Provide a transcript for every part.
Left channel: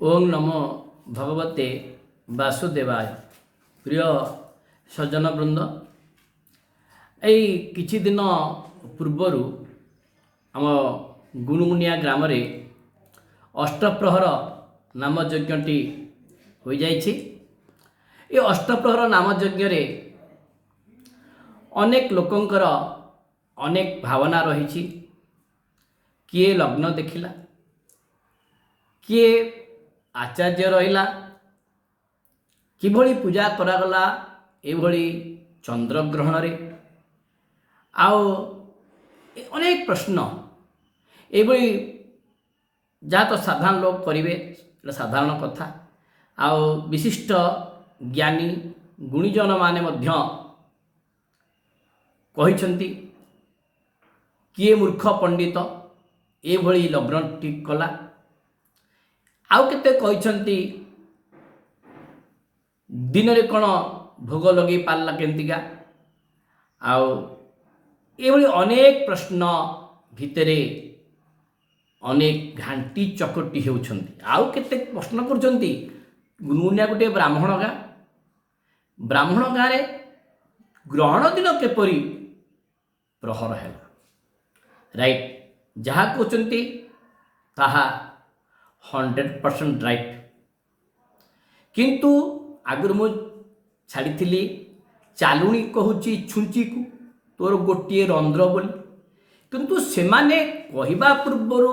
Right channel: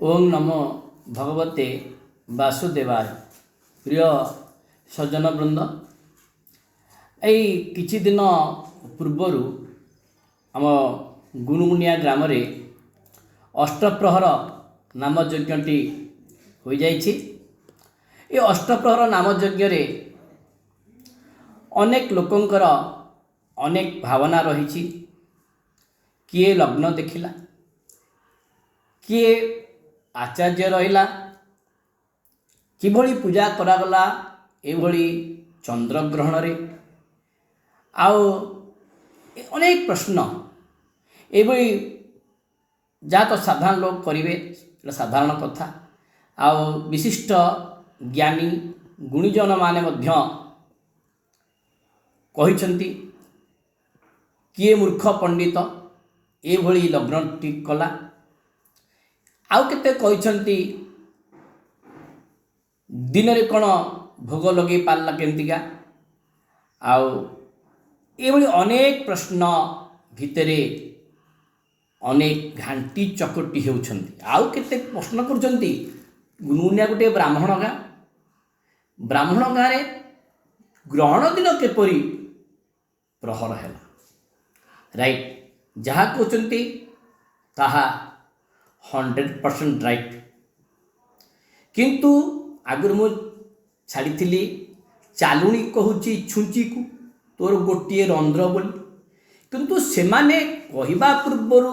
ओम नमो भगवते वासुदेवाय। प्रिय सज्जन वृंद, यही किछि दिन पूर्वर आम गुणुमुनिया ग्राम रे अष्टप्रहर नाम यज्ञटी हो जाइछि। ये अष्टप्रहर नाम यज्ञ रे अनेक लोकंकर अनेक भावना रही। किए लग्न देखिला, किए आचार्य रहिला, किभଳି पूजा करागला एभଳି चंद्रग्रहण रे आओ अनेक प्रश्न एभଳି जहाँ तो साधारण लोग करेंगे साधारण कथा। आओ विशिष्ट ज्ञानी गुणीजन माने मध्य कहिछंती किए मूर्ख पंडित एभଳି लग्न ठीक कला। आउ केते कहिछंती दिन रे कौन भोग लगे पारला केमतिका। आउ एभଳି अनेक प्रश्न भितरे अनेक घांटी चकटी होउछंती। आउ केते प्रश्न करछंती गुणुमुनिया गोटे ब्राह्मण गाँ रे ग्रहण दिन केपरी प्रहर है राइट। जहाँ कहते ताहा 100% राइट। किंतु आगुर मु छाड़ी चालुणी कहूची छुंची को तोर गोटे रंध्र बोली, किंतु सेमाने कहिबा पूर्वर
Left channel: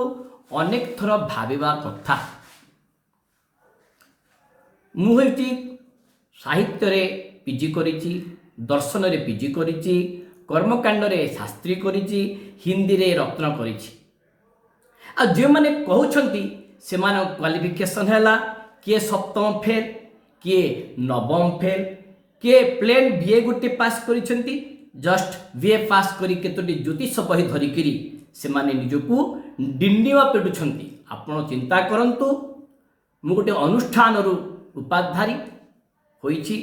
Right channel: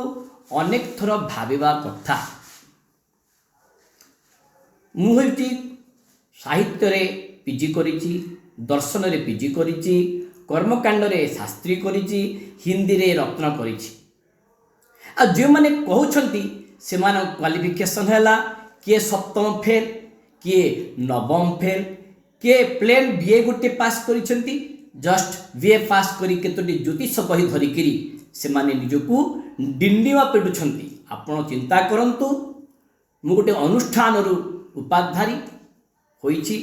अनेक थर भाविबा कथा। मुझे साहित्य रे पीजी करिची, दर्शन रे पीजी करिची, कर्मकांड रे शास्त्री करिची, हिंदी रे रत्न करिची। आ जो माने कहउछंती से मान क्वालिफिकेशन हैला किए सप्तम फेल, किए नवम फेल, किए प्लेन बीए गोटे पास करिछंती। जस्ट बीए पास करी केतोटी ज्योतिष बही धरिकिरी से माने निजकू डिंडिवा पेटुछंती। आपण चिंता करंतु मु गोटे अनुष्ठान रु उपाधारी होईची,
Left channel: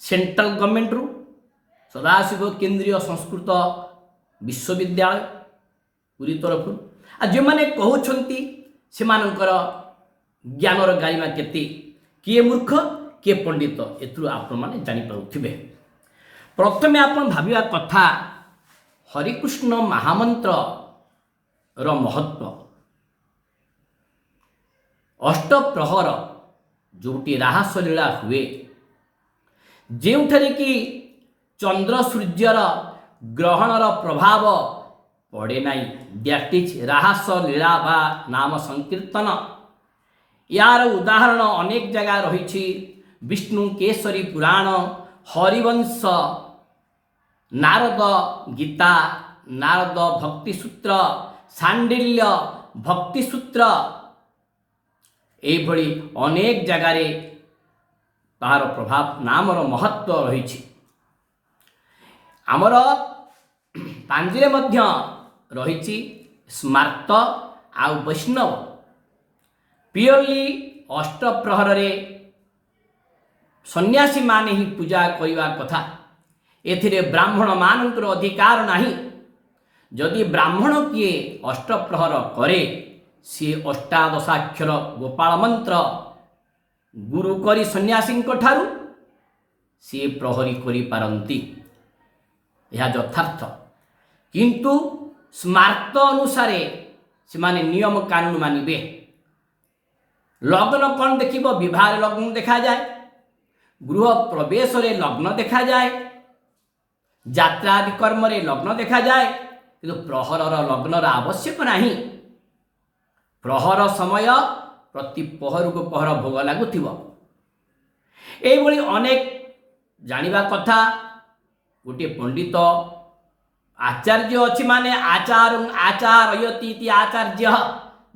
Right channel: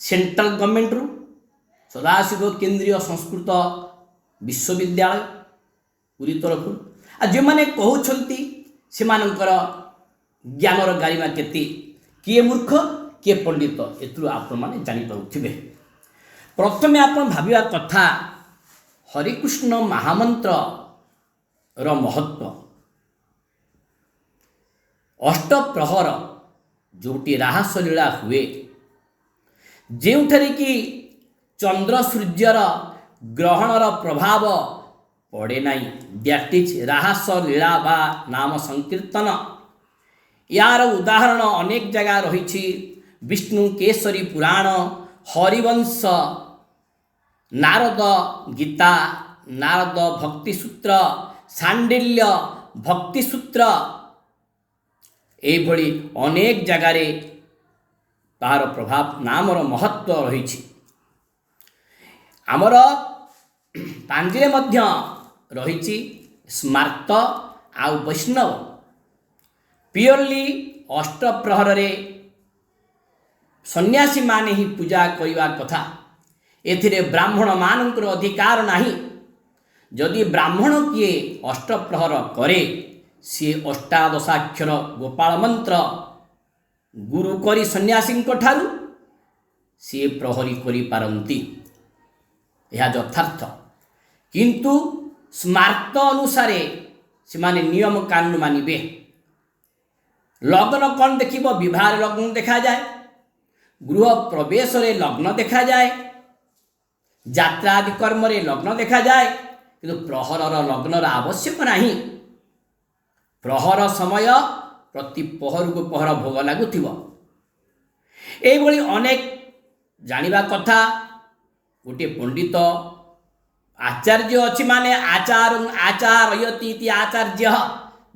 सेंट्रल गवर्नमेंट रु सदाशिव केंद्रीय संस्कृत विश्वविद्यालय पूरी तरफ। आ जो माने कहउछंती से मानकर ज्ञानर गारिमा केते, किए मूर्ख किए पंडित एतु आपण माने जानि पाउथिबे। प्रथमे आपण भाबिया कथा हरिकृष्ण महामंत्र र महत्व। अष्टप्रहर जोटी राहस लीला हुए, जेउठरे कि चंद्र सूर्यर ग्रहणर प्रभाव पड़े नाई, दैट इज राहस लीला बा नाम संकीर्तन। यार उदाहरण अनेक जगह रही। विष्णु केसरी पुराण, हरिवंश, नारद गीता, नारद भक्ति सूत्र, सांडिल्य भक्ति सूत्र एभଳି अनेक जगार तार प्रभाव नामर महत्व रही। आमर पांजिरे मध्य रही स्मार्त आउ वैष्णव। प्योरली अष्टप्रहर रे सन्यासी माने ही पूजा करवा कथा। एथिरे ब्राह्मण मानकर अधिकार नहीं। जदि ब्राह्मण किए अष्टप्रहर करे, सी अष्टादशाक्षर गोपाल मंत्र गुरु करी सन्यासी ठारू सी प्रहरी करी पारंती, यह यथार्थ। किंतु स्मार्त अनुसारे से माने नियम कानून मानिबे। लग्न कौन देखिब, विवाह लग्न देखा जाए, गृह प्रवेश रे लग्न देखा जाए, यात्रा आदि कर्म रे लग्न देखा जाए, किंतु प्रहरर लग्नर आवश्यक नहीं। प्रहर समय प्रति पहर को पहर भोग लगुथिब। एभଳି अनेक जानिबा कथा। गोटे पंडित आचार्य अच्छी माने आचार आचार्यति इति आचार्य,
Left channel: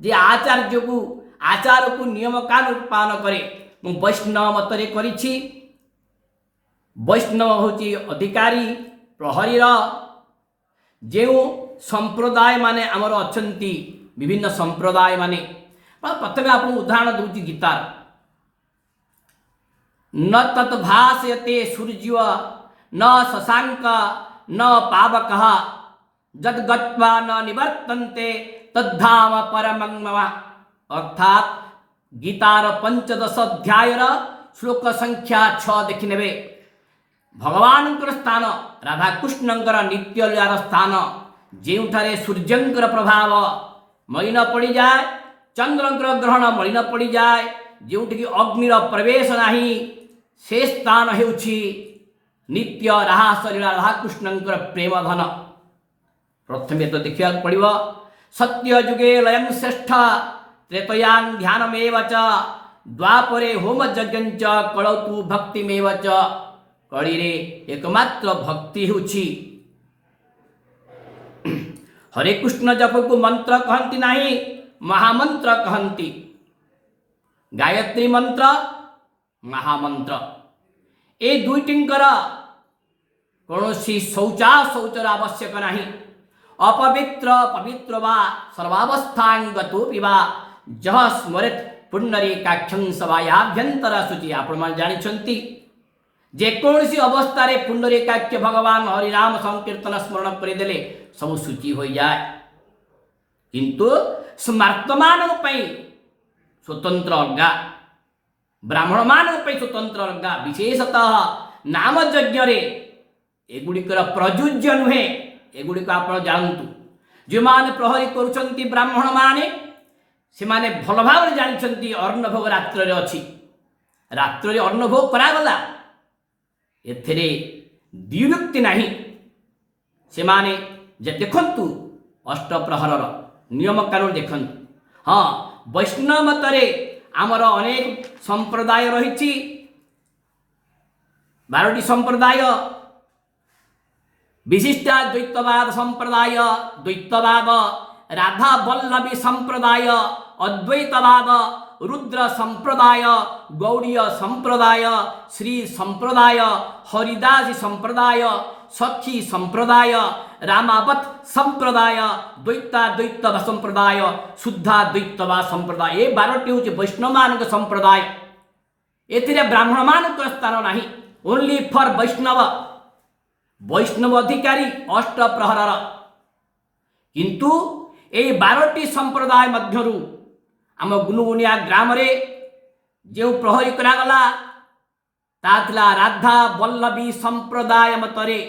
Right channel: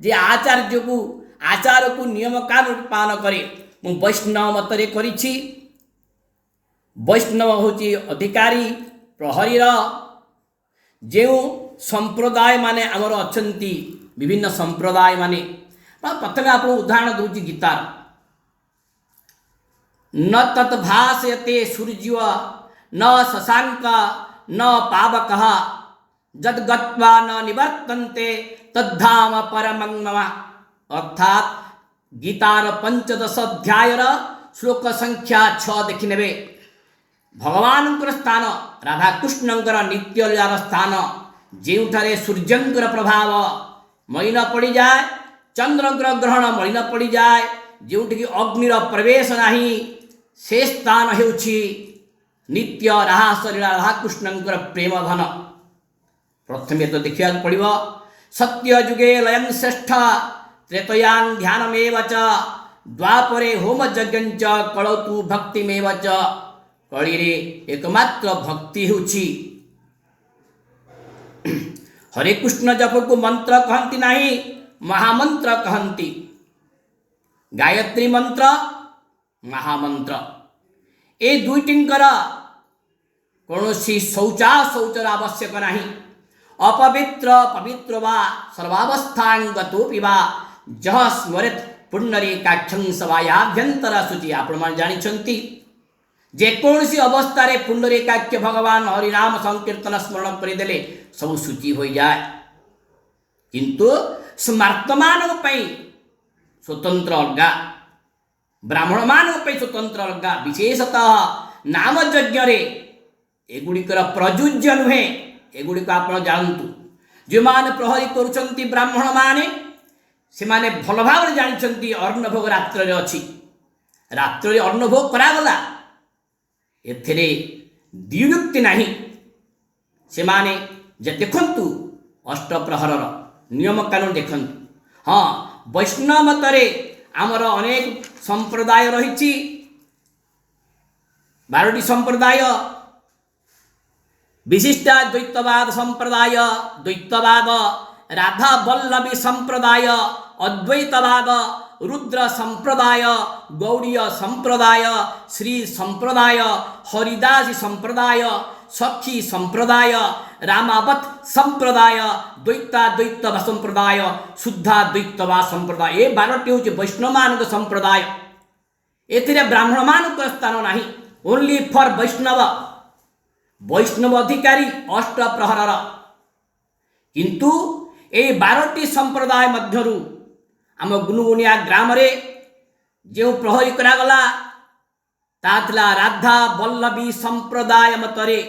जे आचार्य को आचार को नियम कानून पालन करे। मु वैष्णव मतरे करिछि। वैष्णव होची अधिकारी प्रहरीर। जो संप्रदाय माने आमर अछंती विभिन्न संप्रदाय माने, प्रथमे आप उदाहरण दूची गीतार। न तत् भासयते सूर्य न शशांक न पावक जद गत्वा न निवर्तन्ते तद्धाम परमं मम। अर्थात गीतार 15 अध्यायर श्लोक संख्या 6 देखिने भगवान स्थान राधाकृष्णंकर नित्य लीलार स्थान ଯେଉଁଠାରେ ସୂର୍ଯ୍ୟଙ୍କର ପ୍ରଭାବ ମଳିନ ପଡ଼ିଯାଏ, ଚନ୍ଦ୍ରଙ୍କର ଗ୍ରହଣ ମଳିନ ପଡ଼ିଯାଏ, ଯେଉଁଠିକି ଅଗ୍ନିର ପ୍ରବେଶ ନାହିଁ, ସେ ସ୍ଥାନ ହେଉଛି ନିତ୍ୟ ରାସ ଲୀଳା ରାଧାକୃଷ୍ଣଙ୍କର ପ୍ରେମ ଧନ। ପ୍ରଥମେ ତ ଦେଖିବାକୁ ପଡ଼ିବ ସତ୍ୟ ଯୁଗେ ଲୟଂ ଶ୍ରେଷ୍ଠ ତ୍ରେତୟାଂ ଧ୍ୟାନମେବ ଚ ଦ୍ୱାପରେ ହୋମ ଯଜ୍ଞଞ୍ଚ କଳୌତୁ ଭକ୍ତିମେବ ଚ। କଳିରେ ଏକମାତ୍ର ଭକ୍ତି ହେଉଛି। हरे कृष्ण जप को मंत्र कहती नहीं, महामंत्र कहती। गायत्री मंत्र, महामंत्र, ए दुईटिंकर कौनसी शौचर आवश्यक नहीं। अपवित्र पवित्र वा सर्वावस्थांगतो पिबा जह स्मरेत पुण्डरीकाक्षं सवायाभ्यंतर शुचि। आपण मान जानिछंती जेकोसी अवस्था पुण्डरीकाक्ष भगवान हरिनाम संकीर्तन स्मरण करदेले सब शुचि हो जाए। किंतु स्मार्त मान स्वतंत्र अलगा, ब्राह्मण मान स्वतंत्र अलगा। विशेषतः नाम यज्ञ एगुड़िकर प्रयुज्य नुहे, एगुड़िक आप जानतु। जो मैंने प्रहरी करुँच ब्राह्मण माने से माने भल भाव जानते अन्नभोग रात्र अच्छी, रात्र अन्नभोग करागला, एथिरे द्युक्ति नहीं। से माने जे देखंतु अष्टप्रहरर नियम कानून देखंतु। हाँ, वैष्णव मतरे आमर अनेक संप्रदाय रही, 12टी संप्रदाय। विशिष्टा द्वैतवाद संप्रदाय, द्वैतवाद, राधा वल्लभी संप्रदाय, अद्वैतवाद, रुद्र संप्रदाय, गौड़ीय संप्रदाय, श्री संप्रदाय, हरिदासी संप्रदाय, सखी संप्रदाय, रामावत संप्रदाय, द्वैताद्वैतवा संप्रदाय, शुद्धा द्वैतवा संप्रदाय। ये 12टी हूँ वैष्णव मान संप्रदाय। एथिरे ब्राह्मण मान स्थान नहीं, ओनली फॉर वैष्णव, वैष्णव अधिकारी अष्टप्रहरर। किंतु ये 12टी संप्रदाय मध्यरु आम गुनुगुनिया ग्राम रे जो प्रहरी करागला ताथला राधा वल्लभी संप्रदाय मतरे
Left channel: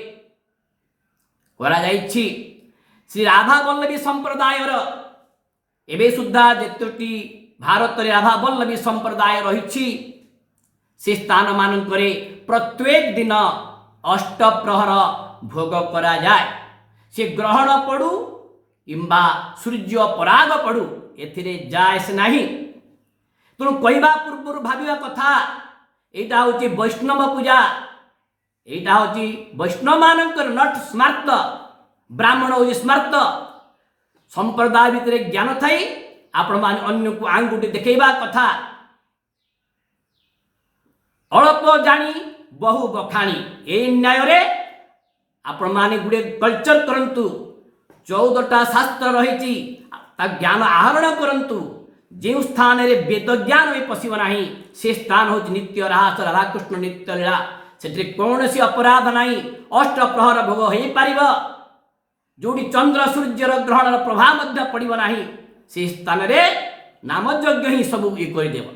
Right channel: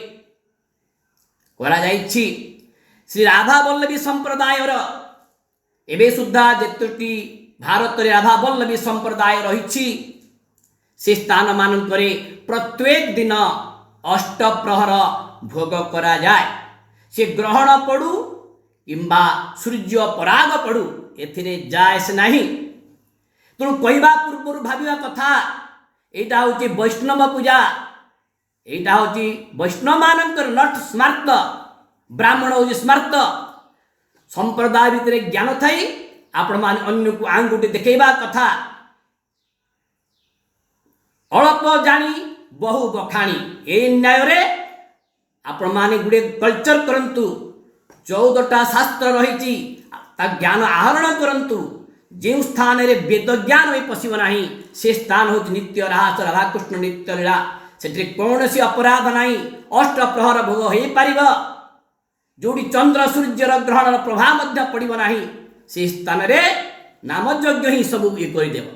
करा जाइछि। श्री राधा वल्लभी संप्रदाय एबे सुद्धा जेतोटी भारत रे राधा वल्लभी संप्रदाय रही, से स्थान मानकरे प्रत्येक दिन अष्टप्रहर भोग करा जाए। से ग्रहण पड़ू किंबा सूर्य पराग पड़ू एथिरे जायस नहीं। तेणु कहवा पूर्व भाविया कथा एटा होची वैष्णव पूजा, एटा होची वैष्णव मानकर नट स्मार्त, ब्राह्मण होची स्मार्त। संप्रदाय भितर ज्ञान थई आपण मान अन्य को आंगुठी देखैबा कथा। अल्प जानी बहु बखाणी, ए न्याय रे आपण माने गुडे कल्चर करंतु। 14टा शास्त्र रही ज्ञान आहरण करंतु। जो स्थान रे वेद ज्ञान में पशिब नहीं, से स्थान हो नित्य रास राधाकृष्ण नित्य लीला। से कौन सी अपराध नहीं, अष्टप्रहर भोग हो पार। जोड़ी चंद्र सूर्यर ग्रहण प्रभाव पड़ब नहीं, से स्थान रे नाम यज्ञ ही सब ये करदेव।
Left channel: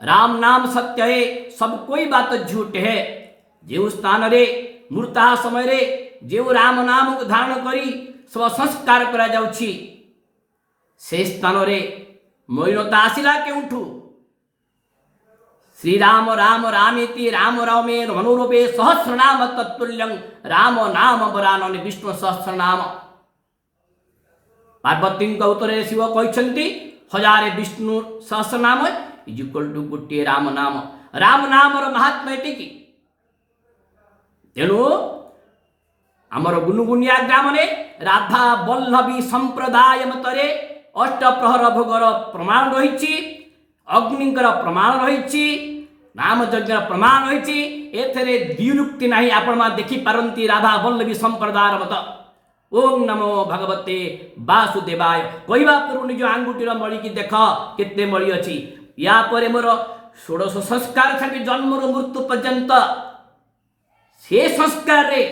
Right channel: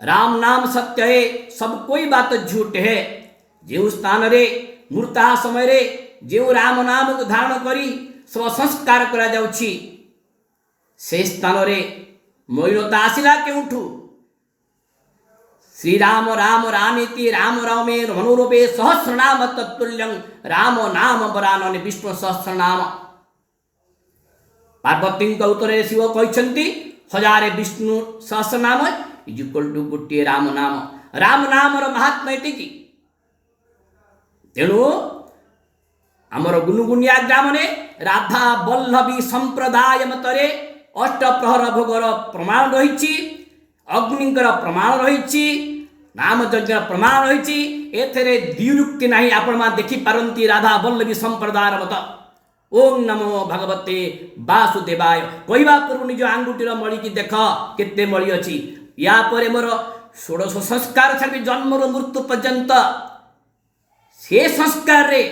राम नाम सत्य है, सब कोई बात झूठ है। जो स्थान रे मृता समय रे जो राम नाम को धारण करी सब संस्कार करा जाउछि, से स्थान रे मलिनता आसिला केउठु। श्री राम राम रामेति राम रामे मनोरूपे सहस्रनाम तत्तुल्यं राम नाम वरानने विष्णु सहस्रनाम। पार्वती उत्तरे शिव कहते 1000 विष्णु सहस्रनाम इज इक्वल टू गोटे राम नाम। राम नाम महात्मा एटिकी। तेणु आमर गुनुगुनिया ग्राम रे राधा वल्लभी संप्रदाय मतरे अष्टप्रहर भोगर प्रमाण रही, अग्निकर प्रमाण रही, नाम यज्ञ प्रमाण रही। एथेरे द्युक्ति नहीं। आपण मा देखि पारंती राधा वल्लभी संप्रदाय मत। ओम नमो भगवते वासुदेवाय कहवा पूर्व निज आंगुठीर मणि की देख केते मणि अच्छी। या परे मोर 16 संस्कार छाड़ी जन्म मृत्यु पर्यंत से संस्कार रे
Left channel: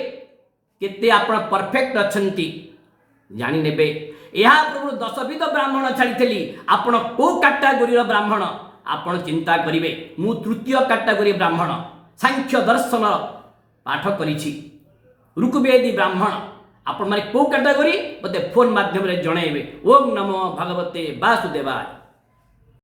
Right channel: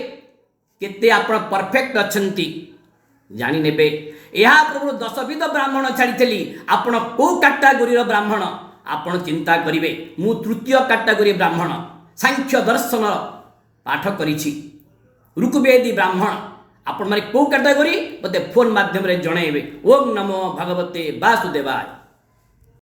केते आपण परफेक्ट अच्छंती जानी नेबे। यह पूर्व 10 विध ब्राह्मण छाड़ी आपण को कैटेगोरी ब्राह्मण ଆପଣ ଚିନ୍ତା କରିବେ ମୁଁ ତୃତୀୟ କାଟାଗୋରୀ ବ୍ରାହ୍ମଣ ସାଂଖ୍ୟ ଦର୍ଶନ ପାଠ କରିଛି ଋକୁବେଦୀ ବ୍ରାହ୍ମଣ ଆପଣମାନେ କେଉଁ କାଟାଗୋରୀ ମୋତେ ଫୋନ୍ ମାଧ୍ୟମରେ ଜଣାଇବେ। ଓಂ ନମୋ ଭଗବତେ ବାସୁଦେବାୟ।